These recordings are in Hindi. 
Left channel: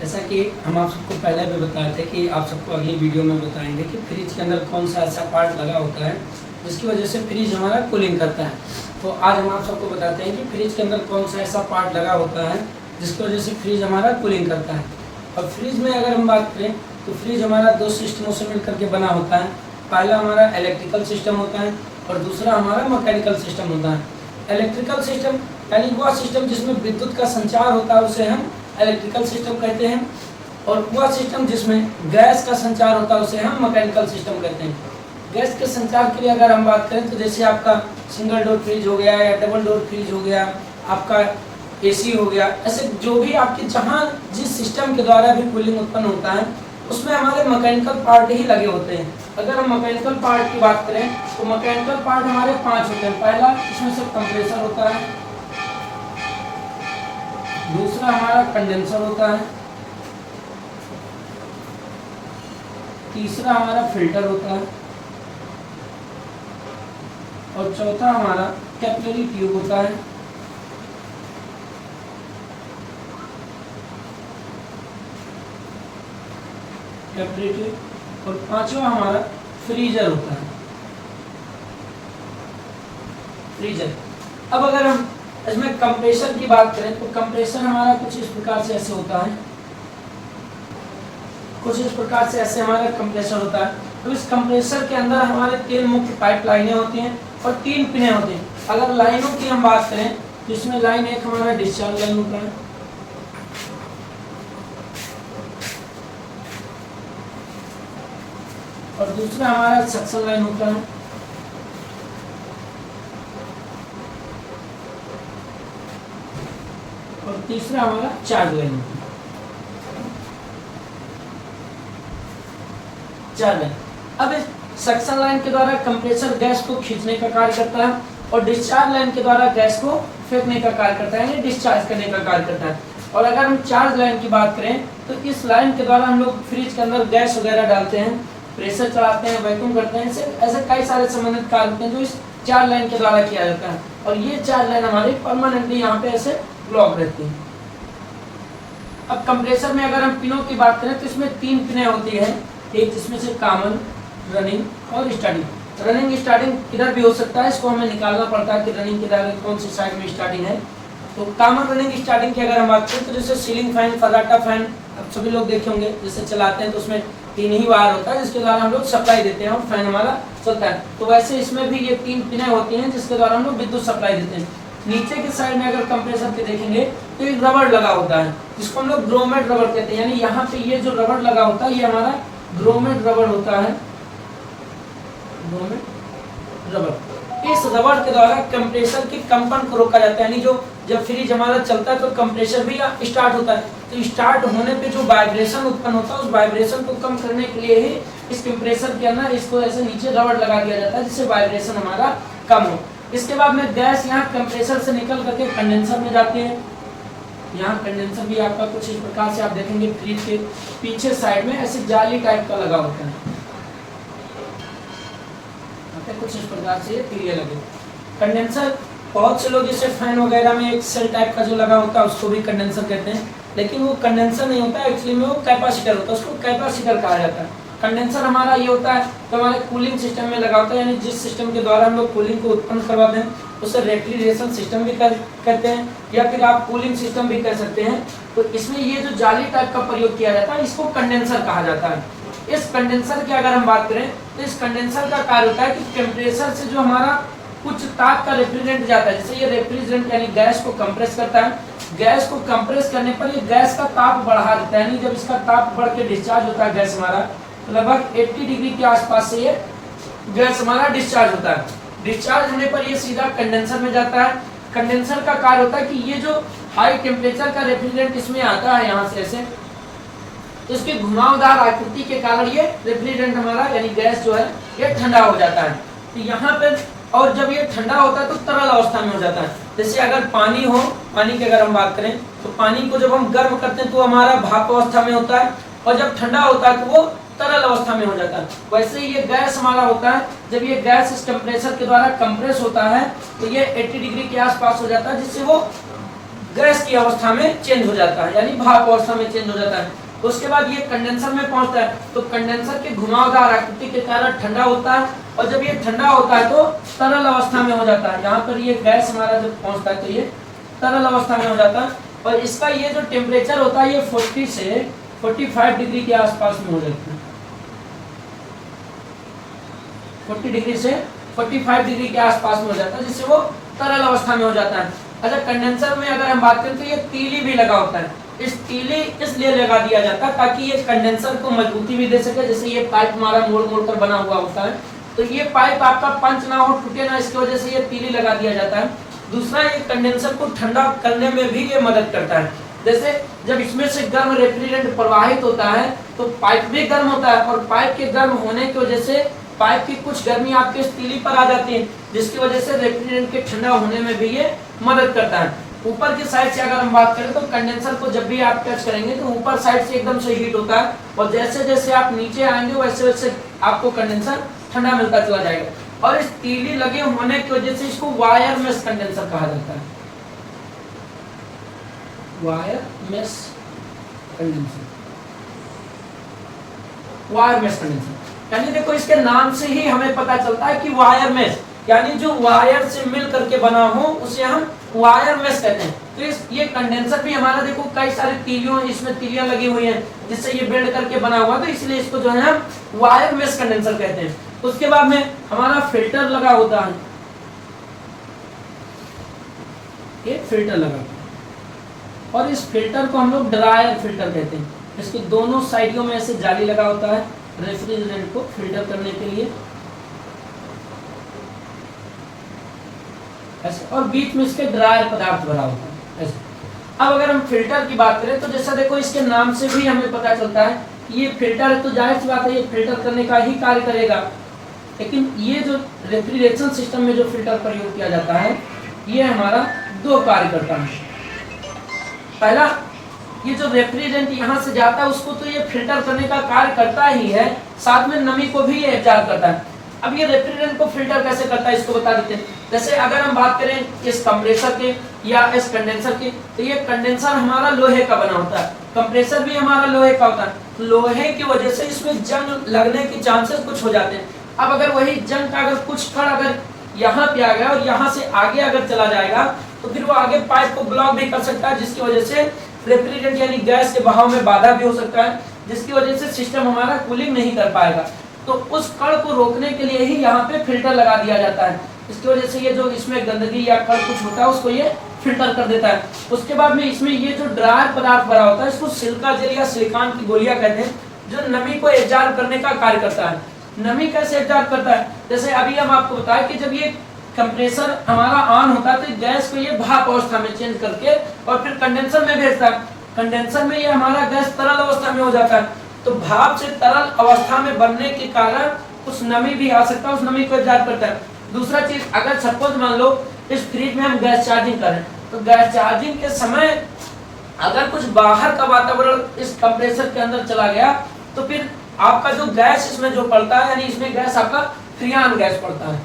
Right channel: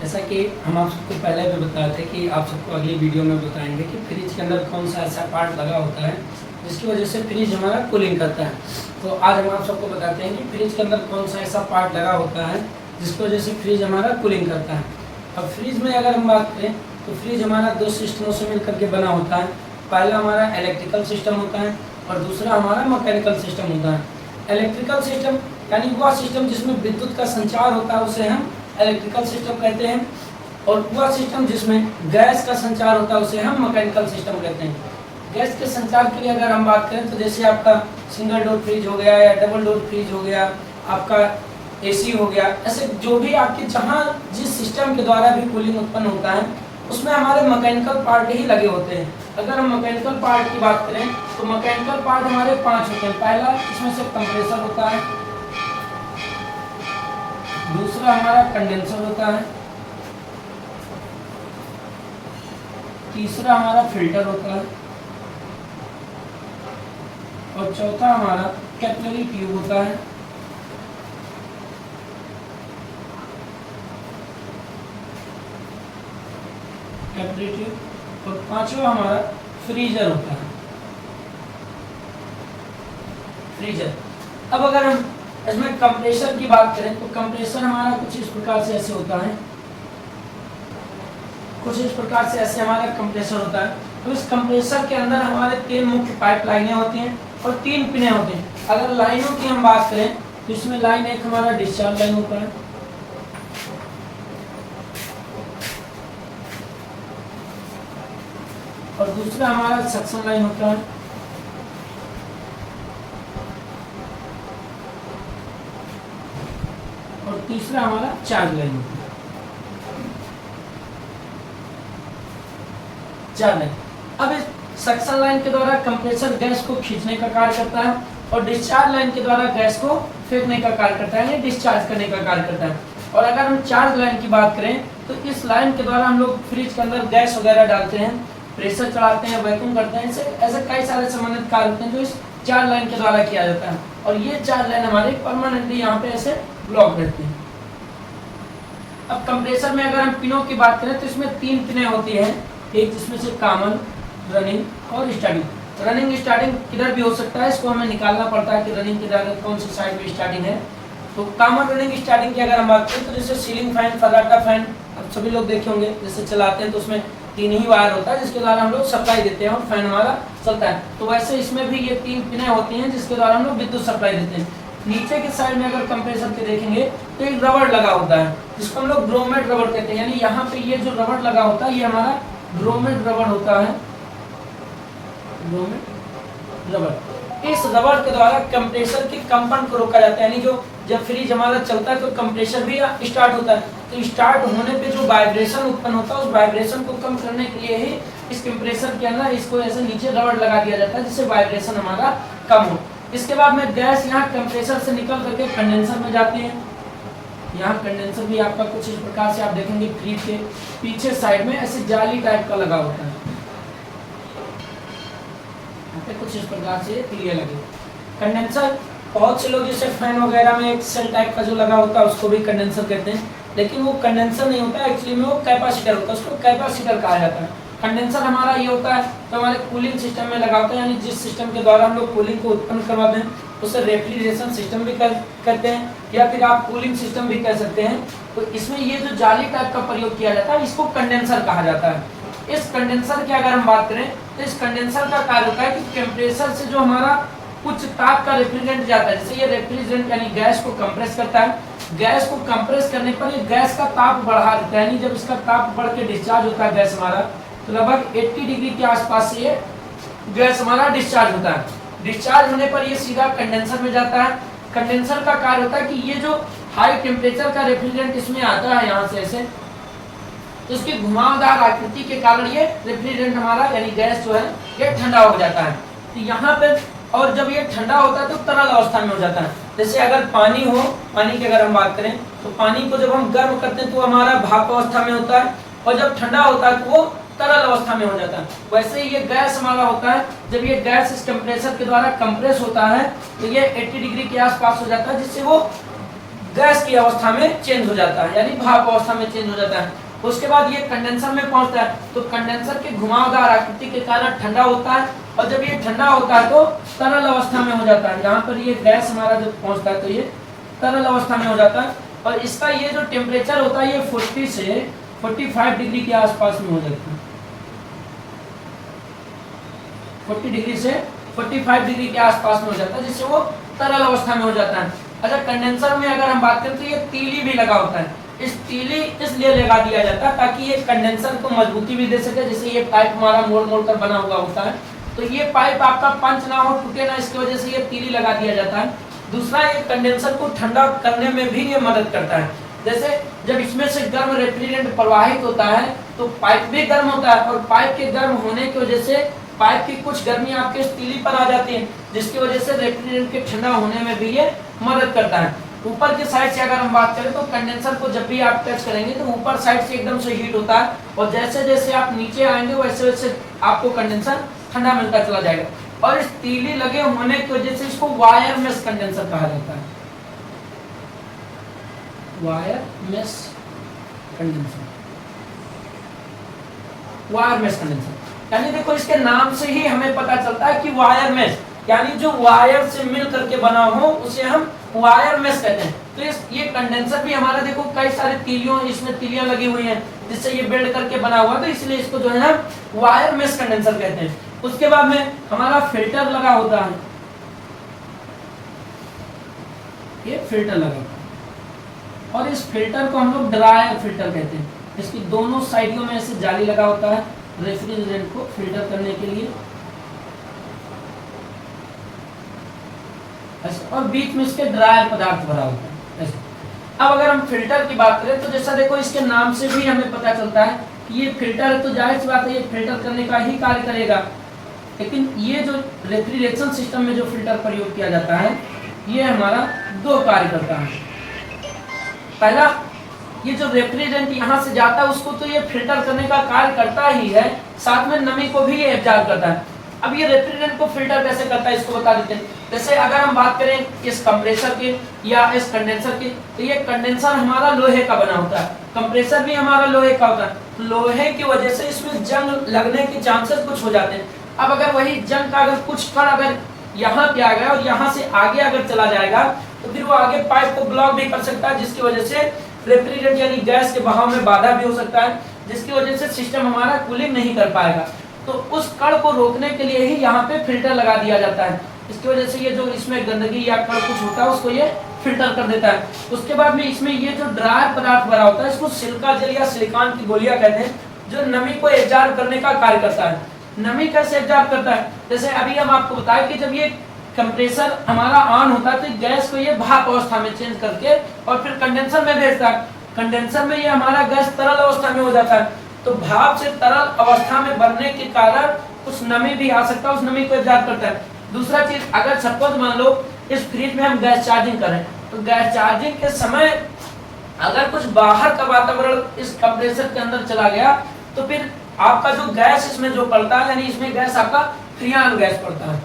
जैसा कि हम आप सबको पहले भी बताए थे कि आप सबको अगली वीडियो में बताएंगे कि फ्रिज के अंदर कौन सा ऐसा पार्ट लगा होता है जिसकी वजह से फ्रिज हमारा कूलिंग करता है। तो आज हम आप सबको बताते हैं कि फ्रिज के अंदर कौन सा ऐसा पार्ट लगा होता है जिसकी वजह से फ्रिज हमारा कूलिंग करता है। अब फ्रिज में अगर हम बात करें तो फ्रिज हमारा दो सिस्टमों से मिलकर के बना होता है। पहला हमारा इलेक्ट्रिकल सिस्टम होता है और दूसरा हमारा मैकेनिकल सिस्टम होता है। इलेक्ट्रिकल सिस्टम यानी वह सिस्टम जिसमें विद्युत का संचार होता है उसे हम इलेक्ट्रिकल सिस्टम कहते हैं, और वह सिस्टम जिसमें गैस का संचार होता है उसे हम मैकेनिकल सिस्टम कहते हैं। गैस के संचार के लिए अगर हम बात करें तो जैसे आपका सिंगल डोर फ्रिज हो गया या डबल डोर फ्रिज हो गया, आपका एसी हो गया, ऐसे जो भी आपके जहाँ जिस सिस्टम के द्वारा भी कूलिंग उत्पन्न होता है उसमें हमारे मैकेनिकल पार्ट ही लगे होते हैं। अगर हम मैकेनिकल पार्ट की बात करें तो मैकेनिकल पार्ट हमारे 5 होते हैं। पहला इसमें से कंप्रेसर होता है, दूसरा हमारा कंडेंसर होता है, तीसरा हमारा फिल्टर होता है और चौथा हमारा कैपिलरी ट्यूब होता है। कैपिलरी ट्यूब और पांचवा हमारा फ्रीजर होता है। फ्रीजर। अब अगर हम इसमें कंप्रेसर की बात करें तो कंप्रेसर हमारा कुछ इस प्रकार से ऐसे होता है, कुछ इस प्रकार से ऐसे हमारा कंप्रेसर होता है। तो इस कंप्रेसर के अंदर हमारे 3 मुख्य पाइप लाइनें होती हैं और 3 पिनें होती हैं। अगर लाइनों की हम बात करें तो इसमें लाइन एक हमारा डिस्चार्ज लाइन होता है, और दूसरा हमारा सक्शन लाइन होता है, और तीसरा हमारा चार्ज लाइन होता है। अब इस सक्शन लाइन के द्वारा कंप्रेसर गैस को खींचने का कार्य करता है और डिस्चार्ज लाइन के द्वारा गैस को फेंकने का कार्य करता है, यानी डिस्चार्ज करने का कार्य करता है। और अगर हम चार्ज लाइन की बात करें तो इस लाइन के द्वारा हम लोग फ्रिज के अंदर गैस वगैरह डालते हैं, प्रेशर चढ़ाते हैं, वैक्यूम करते हैं, ऐसे कई सारे संबंधित कार्य होते हैं जो इस चार्ज लाइन के द्वारा किया जाता है। और ये चार्ज लाइन हमारी परमानेंटली यहाँ पे ऐसे ब्लॉक रहती है। अब कंप्रेसर में अगर हम पिनों की बात करें तो इसमें 3 पिनें होती है, एक जिसमें से कॉमन, रनिंग और स्टार्टिंग। रनिंग स्टार्टिंग किधर भी हो सकता है, इसको हमें निकालना पड़ता है कि रनिंग किधर है, कौन सी साइड में स्टार्टिंग है। तो कॉमन रनिंग स्टार्टिंग की अगर हम बात करें तो जैसे सीलिंग फैन, फर्राटा फैन अब सभी लोग देखे होंगे, जैसे चलाते हैं तो उसमें 3 ही वायर होता है जिसके द्वारा हम लोग सप्लाई देते हैं और फैन हमारा चलता है। तो वैसे इसमें भी ये 3 पिनें होती हैं जिसके द्वारा हम लोग विद्युत सप्लाई देते हैं। नीचे के साइड में अगर कंप्रेसर के देखेंगे तो एक रबड़ लगा होता है जिसको हम लोग ग्रोमेट रबड़ कहते हैं, यानी यहाँ पे ये जो रबड़ लगा होता है ये हमारा ग्रोमेट रबड़ होता है। ग्रोमेट रबड़, इस रबड़ के द्वारा कंप्रेसर के कंपन को रोका जाता है, यानी जो जब फ्रिज हमारा चलता है तो कंप्रेसर भी स्टार्ट होता है, तो स्टार्ट होने पे जो वाइब्रेशन उत्पन्न होता है उस वाइब्रेशन को कम करने के लिए ही इस कंप्रेसर के अंदर इसको ऐसे नीचे रबड़ लगा दिया जाता है जिससे वाइब्रेशन हमारा कम हो। इसके बाद में गैस यहाँ कंप्रेसर से निकल करके कंडेंसर में जाती है। यहाँ कंडेंसर भी आपका कुछ इस प्रकार से आप देखेंगे फ्रिज के पीछे साइड में ऐसे जाली टाइप का लगा होता है, कुछ इस प्रकार से ये लगे। कंडेंसर बहुत से लोग जैसे फैन वगैरह में एक सेल टाइप का जो लगा होता है उसको भी कंडेंसर कहते हैं, लेकिन वो कंडेंसर नहीं होता है, एक्चुअली में वो कैपेसिटर होता है, उसको कैपेसिटर कहा जाता है। कंडेंसर हमारा ये होता है तो हमारे कूलिंग सिस्टम में लगा होता है, यानी जिस सिस्टम के द्वारा हम लोग कूलिंग को उत्पन्न करवाते हैं उसे रेफ्रिजरेशन सिस्टम भी कहते हैं या फिर आप कूलिंग सिस्टम भी कह सकते हैं। तो इसमें ये जो जाली टाइप का प्रयोग किया जाता है इसको कंडेंसर कहा जाता है। इस कंडेंसर की अगर हम बात करें तो इस कंडेंसर का कार्य होता है कि टेम्परेचर से जो हमारा कुछ ताप का रेफ्रिजरेंट जाता है, जैसे ये रेफ्रिजरेंट यानी गैस को कंप्रेस करता है, गैस को कंप्रेस करने पर ये गैस का ताप बढ़ा देता है, यानी जब इसका ताप बढ़ के डिस्चार्ज होता है गैस हमारा लगभग 80 डिग्री के आसपास से ये गैस हमारा डिस्चार्ज होता है। डिस्चार्ज होने पर ये सीधा कंडेंसर में जाता है। कंडेंसर का कार्य होता है कि ये जो हाई टेम्परेचर का रेफ्रिजरेंट इसमें आता है यहाँ से ऐसे, तो इसकी घुमावदार आकृति के कारण ये रेफ्रिजरेंट हमारा यानी गैस जो है ये ठंडा हो जाता है। तो यहाँ पे और जब ये ठंडा होता है तो तरल अवस्था में हो जाता है। जैसे अगर पानी हो, पानी की अगर हम बात करें तो पानी को जब हम गर्म करते हैं तो हमारा भाप अवस्था में होता है और जब ठंडा होता है तो वो तरल अवस्था में हो जाता है। वैसे ही ये गैस हमारा होता है, जब ये गैस इस टेम्परेचर के द्वारा कंप्रेस होता है तो ये 80 डिग्री के आसपास हो जाता है जिससे वो गैस की अवस्था में चेंज हो जाता है, यानी भाप अवस्था में चेंज हो जाता है। उसके बाद ये कंडेंसर में पहुंचता है, तो कंडेंसर के घुमावदार आकृति के कारण ठंडा होता है, और जब ये ठंडा होता है तो तरल अवस्था में हो जाता है। यहाँ पर ये गैस हमारा जो पहुंचता है तो ये तरल अवस्था में हो जाता है, और इसका ये जो टेम्परेचर होता है ये 40 से 45 डिग्री के आसपास में हो जाता है। 40 डिग्री से 45 डिग्री के आसपास में हो जाता है, जिससे वो तरल अवस्था में हो जाता है। अच्छा, कंडेंसर में अगर हम बात करें तो ये तीली भी लगा होता है। इस तीली इसलिए लगा दिया जाता है ताकि ये कंडेंसर को मजबूती भी दे सके। जैसे ये पाइप हमारा मोड़ मोड़ कर बना हुआ होता है, तो ये पाइप आपका पंच ना हो, टूटे ना, इसकी वजह से ये तीली लगा दिया जाता है। दूसरा, ये कंडेंसर को ठंडा करने में भी ये मदद करता है। जैसे जब इसमें से गर्म रेफ्रिजरेंट प्रवाहित होता है तो पाइप भी गर्म होता है, और पाइप के गर्म होने की वजह से पाइप की कुछ गर्मी आपके इस तीली पर आ जाती है, जिसकी वजह से रेफ्रिजरेंट के ठंडा होने में भी ये मदद करता है। ऊपर की साइड से अगर हम बात करें तो कंडेंसर को जब भी आप टच करेंगे तो ऊपर साइड से एकदम से हीट होता है, और जैसे जैसे आप नीचे आएंगे वैसे वैसे आपको कंडेंसर ठंडा मिलता चला जाएगा। और इस तीली लगे होने की वजह से इसको वायर मेश कंडेंसर कहा जाता है। Wire mesh condenser, wire mesh condenser, यानी देखो इसके नाम से ही हमें पता चलता है कि वायर मेश, यानी जो वायर से मिल करके बना हो उसे हम वायर मेश कहते हैं। तो ये कंडेंसर भी हमारा देखो कई सारे तीलियों, इसमें तीलियां लगी हुई हैं जिससे ये बिल्ड करके बना हुआ, तो इसलिए इसको जो है हम वायर मेश कंडेंसर कहते हैं। उसके बाद में हमारा फिल्टर लगा होता है, ये फिल्टर लगा होता है, और इस फिल्टर को हम लोग ड्रायर फिल्टर कहते हैं। इसके दोनों साइडों में ऐसे जाली लगा होता है रेफ्रिजरेंट को फिल्टर करने के लिए, ऐसे, और बीच में इसके ड्रायर पदार्थ भरा होता है ऐसे। अब अगर हम फिल्टर की बात करें तो जैसा देखो इसके नाम से भी हमें पता चलता है कि ये फिल्टर है, तो जाहिर सी बात है ये फिल्टर करने का ही कार्य करेगा। लेकिन ये जो रेफ्रिजरेशन सिस्टम में जो फिल्टर प्रयोग किया जाता है ये हमारा दो कार्य करता है। पहला, ये जो रेफ्रिजरेंट यहाँ से जाता है उसको तो ये फिल्टर करने का कार्य करता ही है, साथ में नमी को भी ये एब्जॉर्ब करता है। अब ये रेफ्रिजरेंट को फिल्टर कैसे करता है इसको बता देते हैं। जैसे अगर हम बात करें इस कंप्रेसर के या इस कंडेंसर की, तो ये कंडेंसर हमारा लोहे का बना होता है, कंप्रेसर भी हमारा लोहे का होता है। लोहे की वजह से इसमें जंग लगने के चांसेस कुछ हो जाते हैं। अब अगर वही जंग का अगर कुछ कण अगर यहाँ पे आ गया और यहाँ से आगे अगर चला जाएगा तो फिर वो आगे पाइप को ब्लॉक भी कर सकता है, जिसकी वजह से रेफ्रिजरेंट यानी गैस के बहाव में बाधा भी हो सकता है, जिसकी वजह से सिस्टम हमारा कूलिंग नहीं कर पाएगा। तो उस कण को रोकने के लिए ही यहाँ पे फिल्टर लगा दिया जाता है। इसकी वजह से ये जो इसमें गंदगी या कण कुछ होता है उसको ये फिल्टर कर देता है। उसके बाद में इसमें ये जो ड्रायर पदार्थ भरा होता है इसको सिलिका जेल या सिलिकॉन की गोलियां कहते हैं, जो नमी को एब्जॉर्ब करने का कार्य करता है। नमी कैसे एब्जॉर्ब करता है, जैसे अभी हम आपको बताएं कि जब ये कंप्रेसर हमारा ऑन होता है तो गैस को ये भाप अवस्था में चेंज करके और फिर कंडेंसर में भेजता है। कंडेंसर में ये हमारा गैस तरल अवस्था में हो जाता है, तो भाप से तरल अवस्था में बनने के कारण कुछ नमी भी आ सकता है, उस नमी को एब्जॉर्ब करता है। दूसरा चीज, अगर सपोज मान लो इस फ्रिज में हम गैस चार्जिंग करें तो गैस चार्जिंग के समय अगर कुछ बाहर का वातावरण इस कंप्रेसर के अंदर चला गया तो फिर आपका जो गैस इसमें जो पड़ता है, यानी इसमें गैस आपका फ्रियान गैस पड़ता है,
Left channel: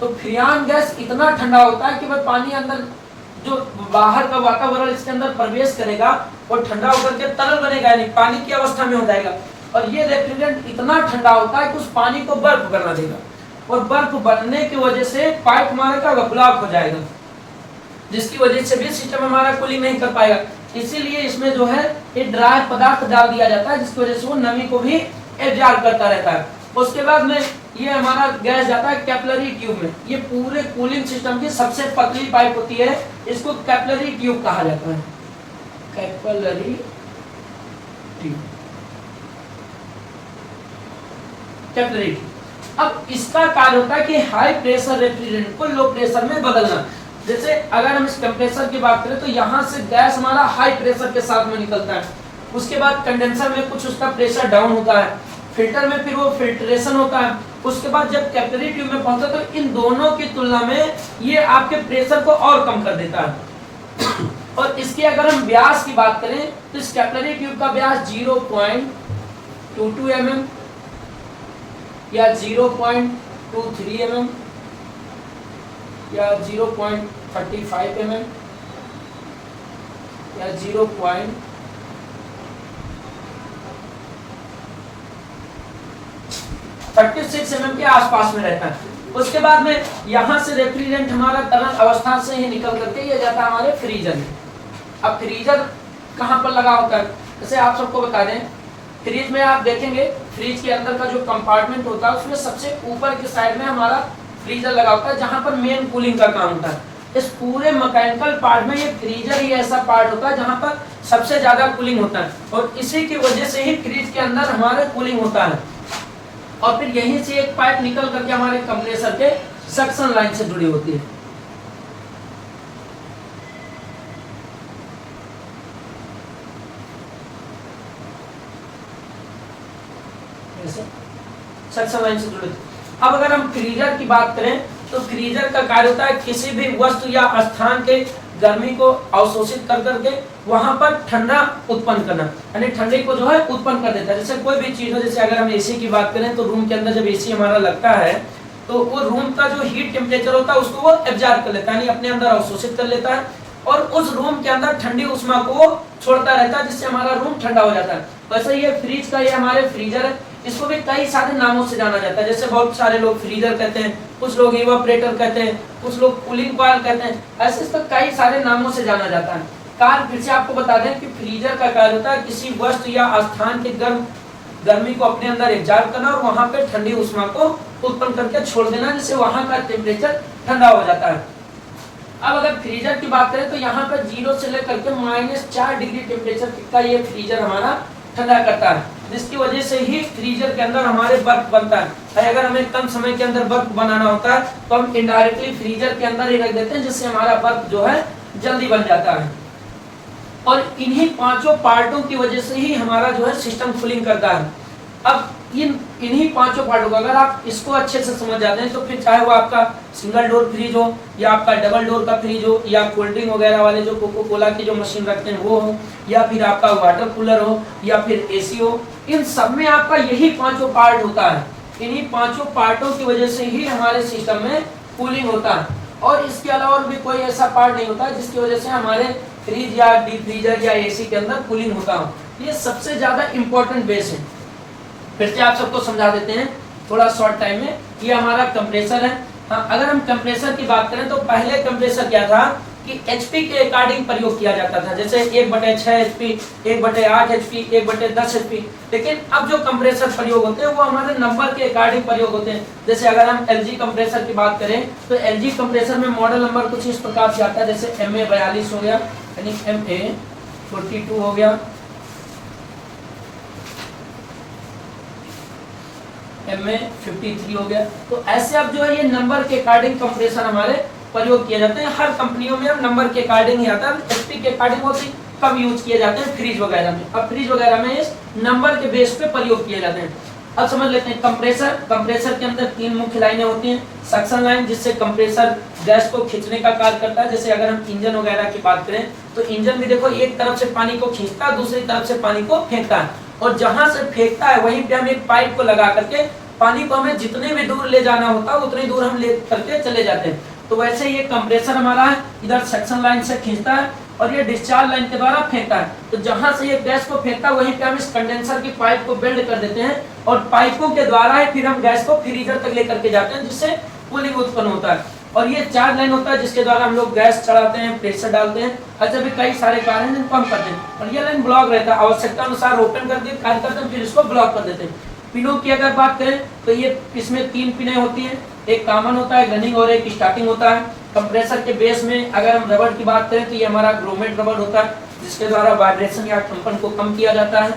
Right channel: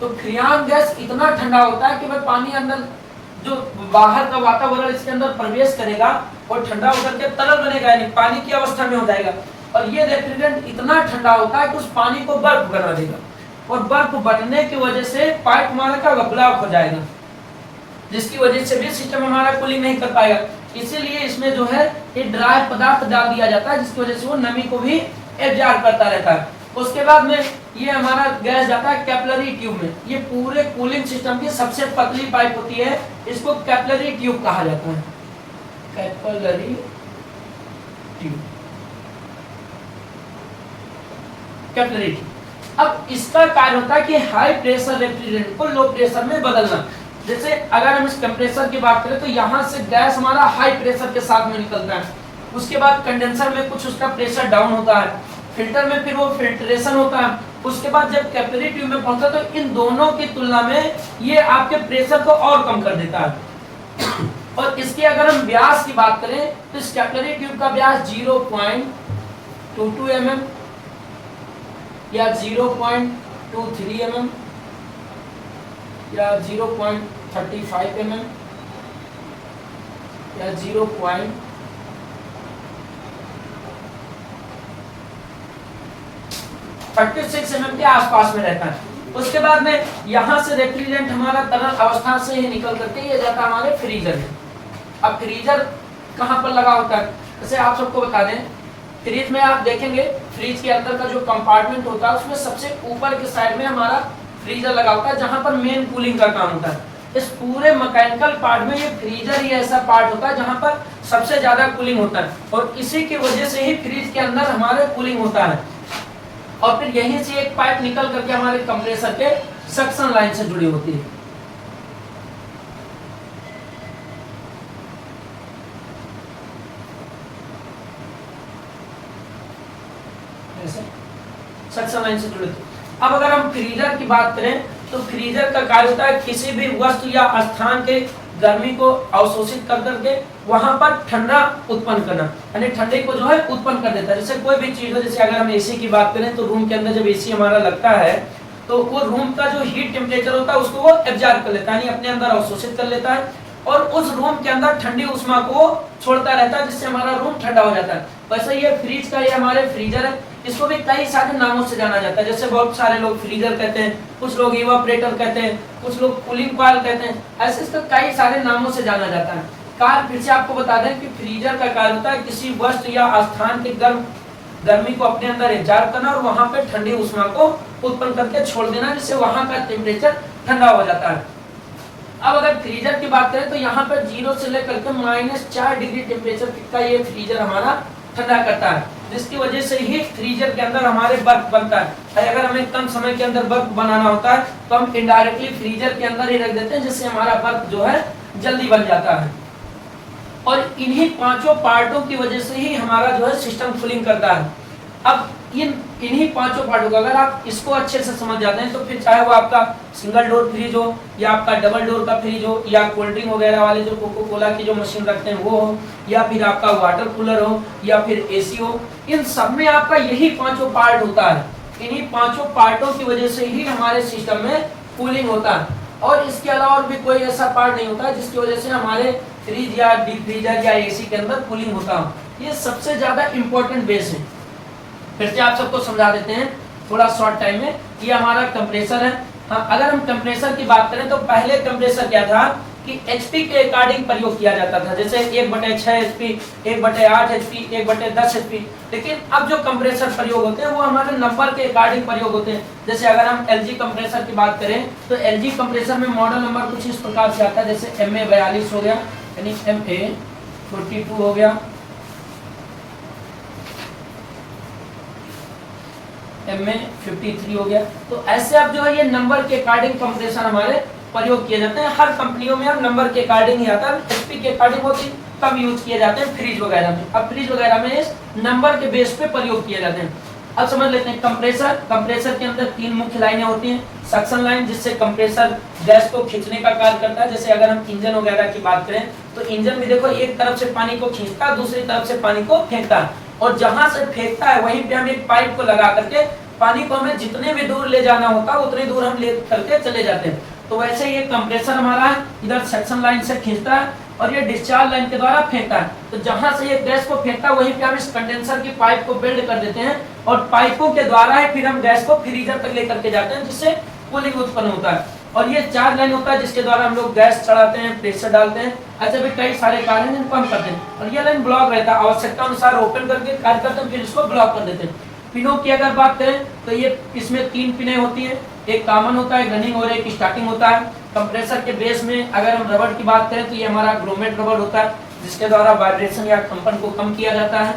तो फ्रियान गैस इतना ठंडा होता है कि वह पानी अंदर जो बाहर का वातावरण इसके अंदर प्रवेश करेगा वो ठंडा होकर के तरल बनेगा, यानी पानी की अवस्था में हो जाएगा। और ये रेफ्रिजरेंट इतना ठंडा होता है कि उस पानी को बर्फ बना देगा, और बर्फ बनने की वजह से पाइप हमारे का ब्लॉक हो जाएगा, जिसकी वजह से भी सिस्टम हमारा कूलिंग नहीं कर पाएगा। इसीलिए इसमें जो है ये ड्राई पदार्थ डाल दिया जाता है, जिसकी वजह से वो नमी को भी एब्जॉर्ब करता रहता है। उसके बाद में ये हमारा गैस जाता है कैपिलरी ट्यूब में। ये पूरे कूलिंग सिस्टम की सबसे पतली पाइप होती है, इसको कैपिलरी ट्यूब कहा जाता है, कैपिलरी ट्यूब, कैपिलरी ट्यूब। अब इसका कार्य होता है कि हाई प्रेशर रेफ्रिजरेंट को लो प्रेशर में बदलना। जैसे अगर हम इस कंप्रेसर की बात करें तो यहाँ से गैस हमारा हाई प्रेशर के साथ में निकलता है, उसके बाद कंडेंसर में कुछ उसका प्रेशर डाउन होता है, फिल्टर में फिर वो फिल्ट्रेशन होता है, उसके बाद जब कैपिलरी ट्यूब में पहुंचता है तो इन दोनों की तुलना में ये आपके प्रेशर को और कम कर देता है। और इसके अगर हम व्यास की बात करें तो इस कैपिलरी ट्यूब का व्यास 0.22 mm या 0.23 mm या 0.35 mm या 0.36 mm के आसपास में रहता है। उसके बाद में यहाँ से रेफ्रिजरेंट हमारा तरल अवस्था से ही निकल करके ये जाता है हमारे फ्रीजर में। अब फ्रीजर कहाँ पर लगा होता है, जैसे आप सबको बता दें, फ्रिज में आप देखेंगे फ्रिज के अंदर का जो कंपार्टमेंट होता है उसमें सबसे ऊपर के साइड में हमारा फ्रीजर लगा होता है, जहां पर मेन कूलिंग का काम होता है। इस पूरे मैकेनिकल पार्ट में ये फ्रीजर ही ऐसा पार्ट होता है जहां पर सबसे ज्यादा कूलिंग होता है, और इसी की वजह से ही फ्रिज के अंदर हमारे कूलिंग होता है। और फिर यहीं से एक पाइप निकल करके हमारे कंप्रेसर के सक्शन लाइन से जुड़ी होती है। सक्शन लाइन से जुड़ी होती है। अब अगर हम फ्रीजर की बात करें तो फ्रीजर का कार्य होता है किसी भी वस्तु या स्थान के गर्मी को अवशोषित कर करके वहां पर ठंडा उत्पन्न करना, यानी ठंडे को जो है उत्पन्न कर देता है। जैसे कोई भी चीज हो, जैसे अगर हम एसी की बात करें तो रूम के अंदर जब एसी हमारा लगता है तो वो रूम का जो हीट टेम्परेचर होता है उसको वो एब्जॉर्ब कर लेता है, यानी अपने अंदर अवशोषित कर लेता है, और उस रूम के अंदर ठंडी उष्मा को वो छोड़ता रहता है, जिससे हमारा रूम ठंडा हो जाता है। वैसे ये फ्रिज का ये हमारे फ्रीजर है, इसको भी कई सारे नामों से जाना जाता है। जैसे बहुत सारे लोग फ्रीजर कहते हैं, कुछ लोग इवापोरेटर कहते हैं, कुछ लोग कूलिंग कॉइल कहते हैं, ऐसे इसको कई सारे नामों से जाना जाता है। कार्य फिर से आपको बता दें कि फ्रीजर का कार्य होता है किसी वस्तु या स्थान के गर्मी को अपने अंदर एब्जॉर्ब करना और वहां पे ठंडी उष्मा को उत्पन्न करके छोड़ देना, जिससे वहां का टेम्परेचर ठंडा हो जाता है। अब अगर फ्रीजर की बात करें तो यहाँ पर 0 से लेकर के -4 डिग्री टेम्परेचर का ये फ्रीजर हमारा ठंडा करता है, जिसकी वजह से ही फ्रीजर के अंदर हमारे बर्फ बनता है। अगर हमें कम समय के अंदर बर्फ बनाना होता है तो हम इनडायरेक्टली फ्रीजर के अंदर ही रख देते हैं, जिससे हमारा बर्फ जो है जल्दी बन जाता है। और इन्हीं पांचों पार्टों की वजह से ही हमारा जो है सिस्टम कूलिंग करता है। अब इन्हीं पांचों पार्टों को अगर आप इसको अच्छे से समझ जाते हैं तो फिर चाहे वो आपका सिंगल डोर फ्रिज हो या आपका डबल डोर का फ्रिज हो या कोल्ड ड्रिंक वगैरह वाले जो कोको कोला की जो मशीन रखते हैं वो हो, या फिर आपका वाटर कूलर हो या फिर एसी हो, इन सब में आपका यही पांचों पार्ट होता है। इन्हीं पांचों पार्टों की वजह से ही हमारे सिस्टम में कूलिंग होता है, और इसके अलावा और भी कोई ऐसा पार्ट नहीं होता जिसकी वजह से हमारे फ्रिज या डीप फ्रीजर या एसी के अंदर कूलिंग होता हो। ये सबसे ज्यादा इंपॉर्टेंट बेस है। फिर से आप सबको समझा देते हैं थोड़ा शॉर्ट टाइम में। ये हमारा कंप्रेसर है। हाँ, अगर हम कंप्रेसर की बात करें तो पहले कंप्रेसर क्या था कि एचपी के अकॉर्डिंग प्रयोग किया जाता था, जैसे 1/6 एचपी, 1/8 एचपी, 1/10 एचपी। लेकिन अब जो कंप्रेसर प्रयोग होते हैं वो हमारे नंबर के अकॉर्डिंग प्रयोग होते हैं। जैसे अगर हम एलजी कंप्रेसर की बात करें तो एलजी कंप्रेसर में मॉडल नंबर कुछ इस प्रकार से आता है, जैसे MA42 हो गया, यानी MA42 हो गया, MA53 हो गया। तो ऐसे अब जो है ये नंबर के अकॉर्डिंग कंप्रेसर हमारे प्रयोग किए जाते हैं। हर कंपनियों में अब नंबर के अकॉर्डिंग ही आता है, एचपी के अकॉर्डिंग बहुत ही कम यूज किए जाते हैं फ्रिज वगैरह में। अब फ्रिज वगैरह में इस नंबर के बेस पे प्रयोग किए जाते हैं। अब समझ लेते हैं कंप्रेसर। कंप्रेसर के अंदर 3 मुख्य लाइनें होती हैं। सक्शन लाइन, जिससे कंप्रेसर गैस को खींचने का कार्य करता है। जैसे अगर हम इंजन वगैरह की बात करें तो इंजन भी देखो एक तरफ से पानी को खींचता है, दूसरी तरफ से पानी को फेंकता है, और जहां से फेंकता है वहीं पे हम एक पाइप को लगा करके पानी को हमें जितने भी दूर ले जाना होता है उतनी दूर हम ले करके चले जाते हैं। तो वैसे ये कंप्रेसर हमारा है, इधर सक्शन लाइन से खींचता है और ये डिस्चार्ज लाइन के द्वारा फेंकता है। तो जहां से ये गैस को फेंकता है वहीं पे हम इस कंडेंसर की पाइप को बेल्ड कर देते हैं, और पाइपों के द्वारा ही फिर हम गैस को फ्रीजर तक लेकर के जाते हैं, जिससे कूलिंग उत्पन्न होता है। और ये 4 लाइन होता है जिसके द्वारा हम लोग गैस चढ़ाते हैं, प्रेशर डालते हैं, ऐसे भी कई सारे कार्य हैं जिनको हम करते हैं। और ये लाइन ब्लॉक रहता है, आवश्यकता अनुसार ओपन करके कार्य करते हैं, फिर इसको ब्लॉक कर देते हैं। पिनों की अगर बात करें तो ये इसमें 3 पिनें होती हैं, एक कॉमन होता है, रनिंग और एक स्टार्टिंग होता है। कंप्रेसर के बेस में अगर हम रबड़ की बात करें तो ये हमारा ग्रोमेट रबड़ होता है, जिसके द्वारा वाइब्रेशन या कंपन को कम किया जाता है।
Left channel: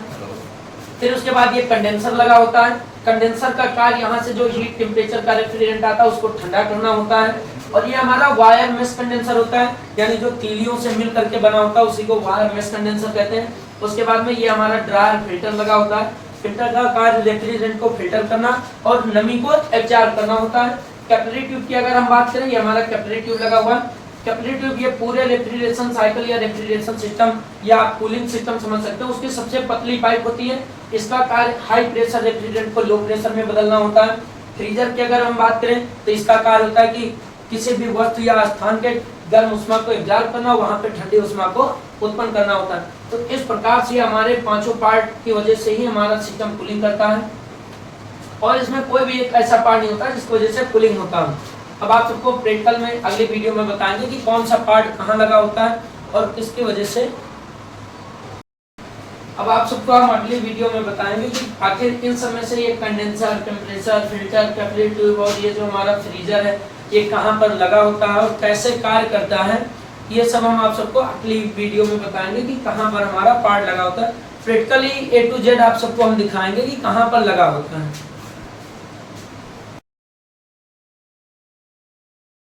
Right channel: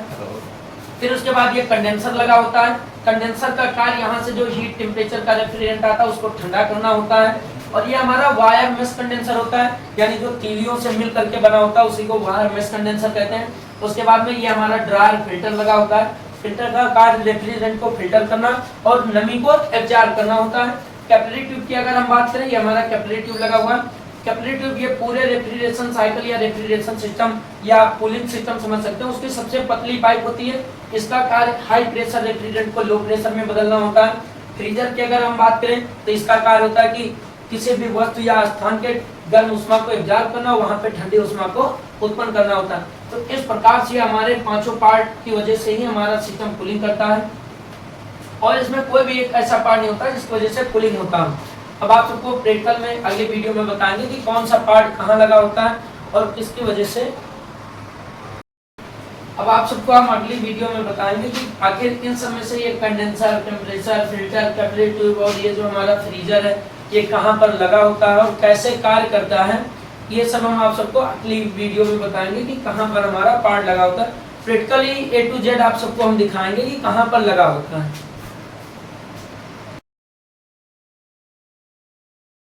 फिर उसके बाद ये कंडेंसर लगा होता है। कंडेंसर का कार्य यहाँ से जो हीट टेम्परेचर का रेफ्रिजरेंट आता है उसको ठंडा करना होता है। और ये हमारा वायर मेश कंडेंसर होता है, यानी जो तीलियों से मिल करके बना होता है उसी को वायर मेश कंडेंसर कहते हैं। उसके बाद में ये हमारा ड्रायर फिल्टर लगा होता है। फिल्टर का कार्य रेफ्रिजरेंट को फिल्टर करना और नमी को एब्जॉर्ब करना होता है। कैपिलरी ट्यूब की अगर हम बात करें, ये हमारा कैपिलरी ट्यूब लगा हुआ है। कैपिलरी ट्यूब ये पूरे रेफ्रिजरेशन साइकिल या रेफ्रिजरेशन सिस्टम या कूलिंग सिस्टम समझ सकते हैं, उसकी सबसे पतली पाइप होती है। इसका कार्य हाई प्रेशर रेफ्रिजरेंट को लो प्रेशर में बदलना होता है। फ्रीजर की अगर हम बात करें तो इसका कार्य होता है कि किसी भी वस्तु या स्थान के गर्म उष्मा को एब्जॉर्ब करना, वहां पे ठंडी उष्मा को उत्पन्न करना होता है। तो इस प्रकार से हमारे पांचों पार्ट की वजह से ही हमारा सिस्टम कूलिंग करता है और इसमें कोई भी एक ऐसा पार्ट नहीं होता जिसकी वजह से कूलिंग होता है। अब आप सबको प्रैक्टिकल में अगले वीडियो में बताएंगे कि कौन सा पार्ट कहाँ लगा होता है और किसकी वजह से। अब आप सबको हम अगली वीडियो में बताएंगे कि आखिर इन समय से ये condenser, temperature, filter, capillary tube और ये जो हमारा फ्रीजर है ये कहाँ पर लगा होता है और कैसे कार्य करता है, ये सब हम आप सबको अगली वीडियो में बताएंगे कि कहाँ पर हमारा पार्ट लगा होता है। प्रैक्टिकली A to Z आप सबको हम दिखाएंगे कि कहाँ पर लगा होता है।